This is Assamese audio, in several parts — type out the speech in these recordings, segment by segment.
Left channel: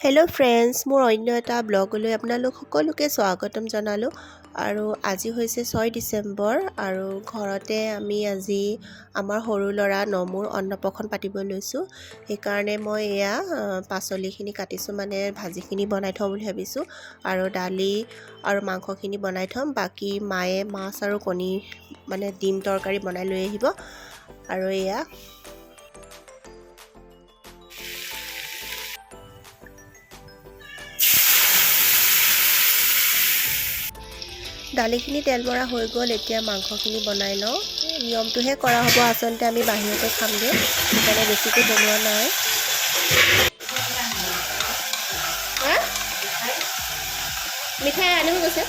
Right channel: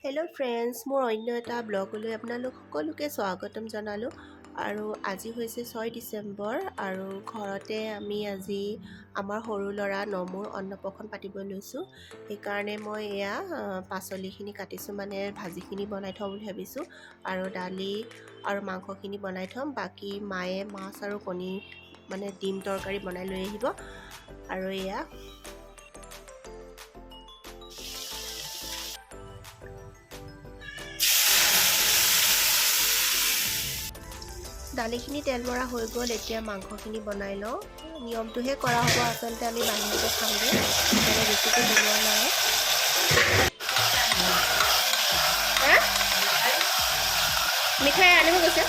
হেল্ল' ফ্ৰেণ্ডছ, মোৰ অন্য এটা ব্লগলৈ আপোনালোক সকলোকে স্বাগতম জনালোঁ। আৰু আজি হৈছে 6 ডিচেম্বৰ আৰু ঘৰতে আমি আজি আমাৰ সৰু ল'ৰা নমুৰ অন্নপ্ৰসন পাতিব লৈছোঁ। সেইকাৰণে মই এয়া পাচলিখিনি কাটিছোঁ, মানে ভাজিখিনি বনাই থওঁ বুলি ভাবিছোঁ। আৰু দালি আৰু মাংসখিনি বনাই থ'ম। বাকী মায়ে মাছ আৰু কণী মানে ডিম তৰকাৰী বনাই লৈ আহিব। আৰু এয়া দালিখিনি তেল মৰা হৈ গ'ল। এতিয়া মাংসখিনি বনাই লওঁ। নিয়মটোহে কৰা হ'ব, আচলতে আমি বাহিৰতে খামগৈ, সেইকাৰণে বেছিকৈ বনোৱা নাই। মিঠাই আনিব গৈছে।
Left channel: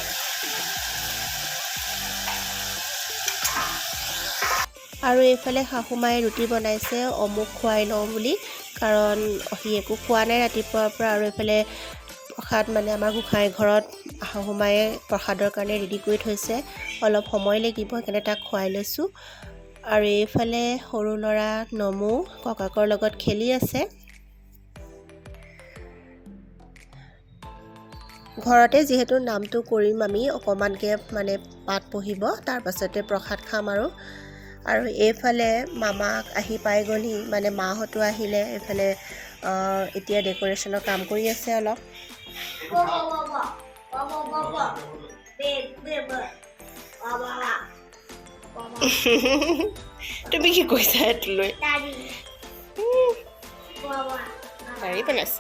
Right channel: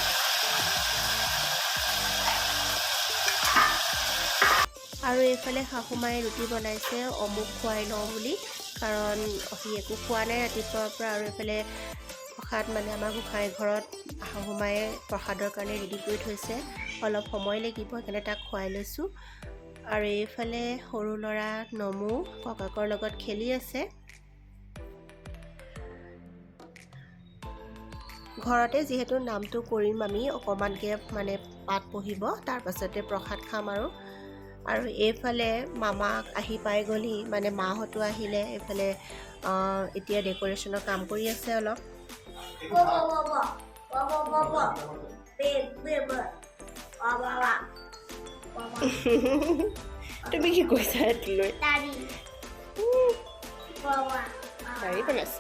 আৰু এইফালে শাহুমায়ে ৰুটি বনাইছে অমুক খুৱাই লওঁ বুলি, কাৰণ সি একো খোৱা নাই ৰাতিপুৱাৰ পৰা। আৰু এইফালে প্ৰসাদ মানে আমাৰ গোঁসাই ঘৰত শাহুমায়ে প্ৰসাদৰ কাৰণে ৰেডি কৰি থৈছে, অলপ সময় লাগিব, সেইকাৰণে তাক খুৱাই লৈছোঁ। আৰু এইফালে সৰু ল'ৰা নমু ককাকৰ লগত খেলি আছে। ঘৰতে যিহেতু নামটো কৰিম আমি, অকণমানকৈ মানে পাঠ পঢ়িব, তাৰপাছতে প্ৰসাদ খাম। আৰু এইফালে মামাক আহি পাই গ'লহি, মানে মাহঁতো আহিলে। এইফালে এতিয়া ডেক'ৰেশ্যনৰ কাম কৰি আছে অলপ। তুমি কি কৈছা এইটো লৈ? দাঢ়ি বনাইছে।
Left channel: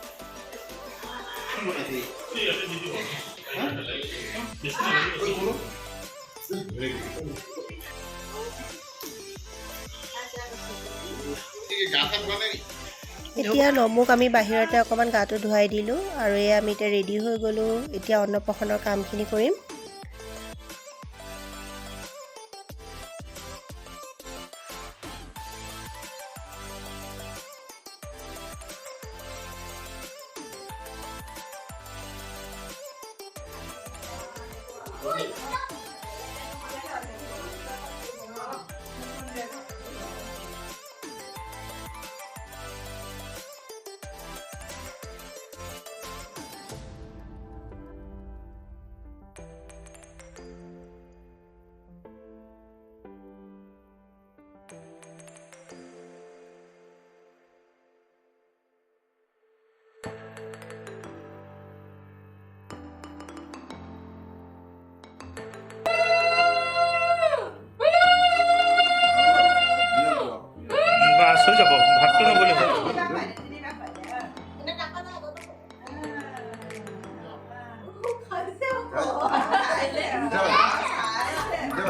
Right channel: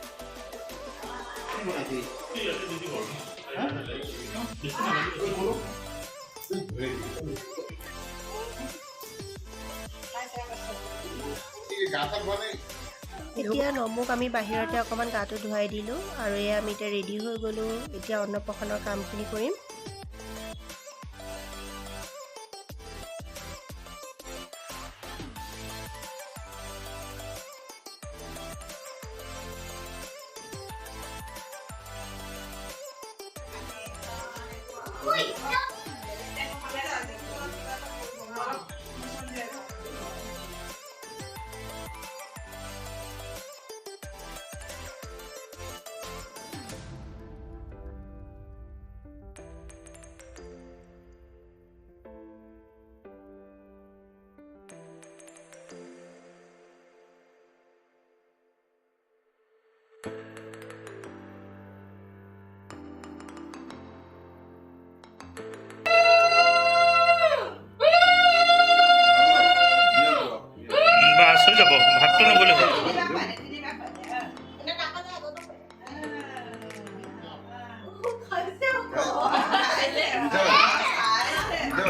এতিয়া নমুক আমি বাহিৰতে অকণমান গাটো ধুৱাই দিলোঁ। আৰু এয়া আমি এতিয়া ৰেডি হৈ গ'লোঁ। এতিয়া অন্নপ্ৰসনৰ কামখিনি কৰিম। বাস হৈ যাব, ভাতটো নগ'লে হ'ল।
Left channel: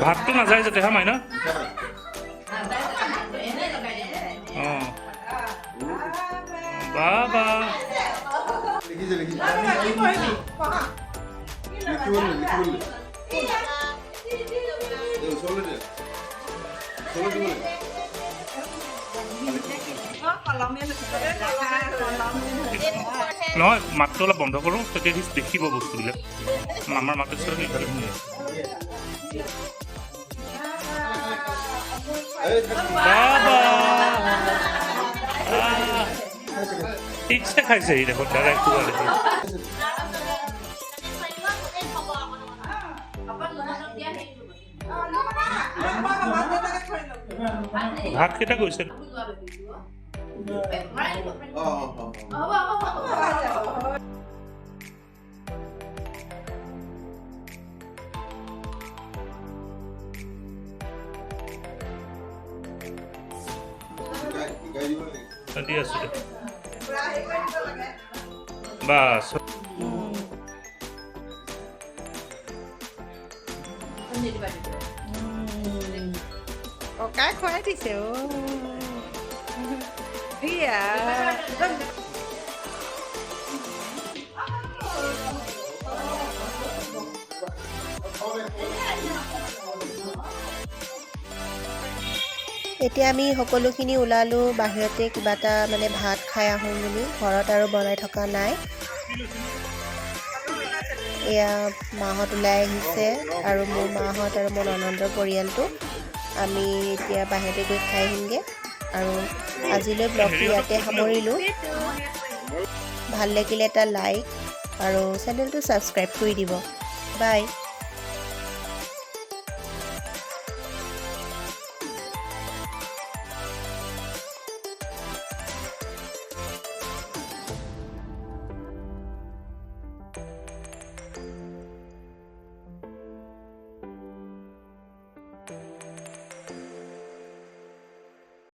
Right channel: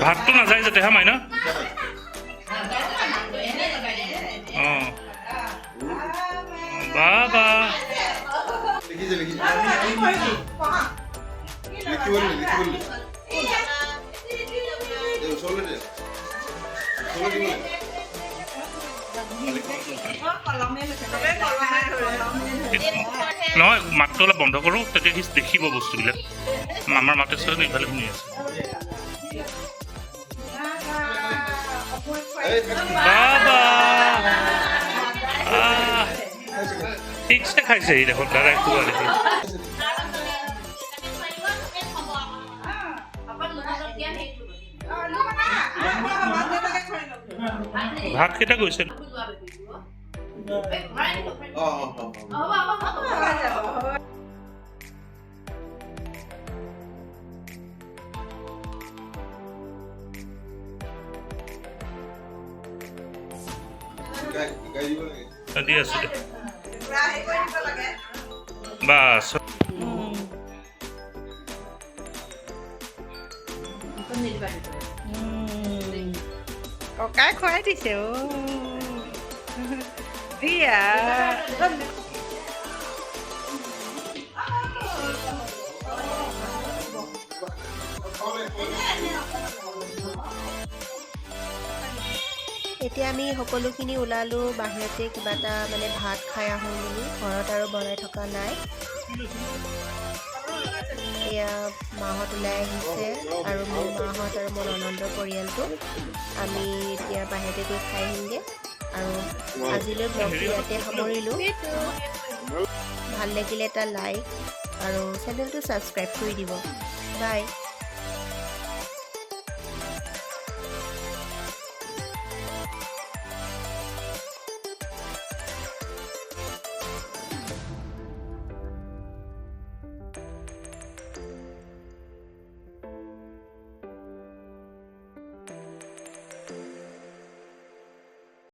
ভাতটো নাযায় যাতে হা মাইনা। অঁ বাবা নহয়, মাতটো অলপ বন্ধ কৰোঁ, তেতিয়া সি দেখিব বস্তুবিলাক। মামাৰ মাতে চোৱা ইফালে শুনি আছে। বাবা ঠিকছে খাইছে সি দেখোন, দাদাই খোৱা দেখি। ভাত কেইটা গৈছে? দি আছো দে বাছ। ককাই খুৱাই দিছে। দিয়া এতিয়া আমি সকলোখিনি ওলালোঁ বাহিৰতে, কিবা এটা মানে ভাত খাই আহোঁ বুলি। ঘৰত আৰু বনাই থকা নাই। এয়া মাহঁত ওলাই আহিছে, আৰু মোৰ মাহঁত আৰু মোৰ ননন্দৰ পৰিয়ালটো। আমি এতিয়া বাহিৰতে গৈ খাই আহিমগৈ। আৰু আজিলৈ ব্লগটো ইয়াতে সামৰিলোঁ। ভাল লাগিলে এটা লাইক আৰু চেনেলটো ছাবস্ক্ৰাইব কৰি দিব। বাই।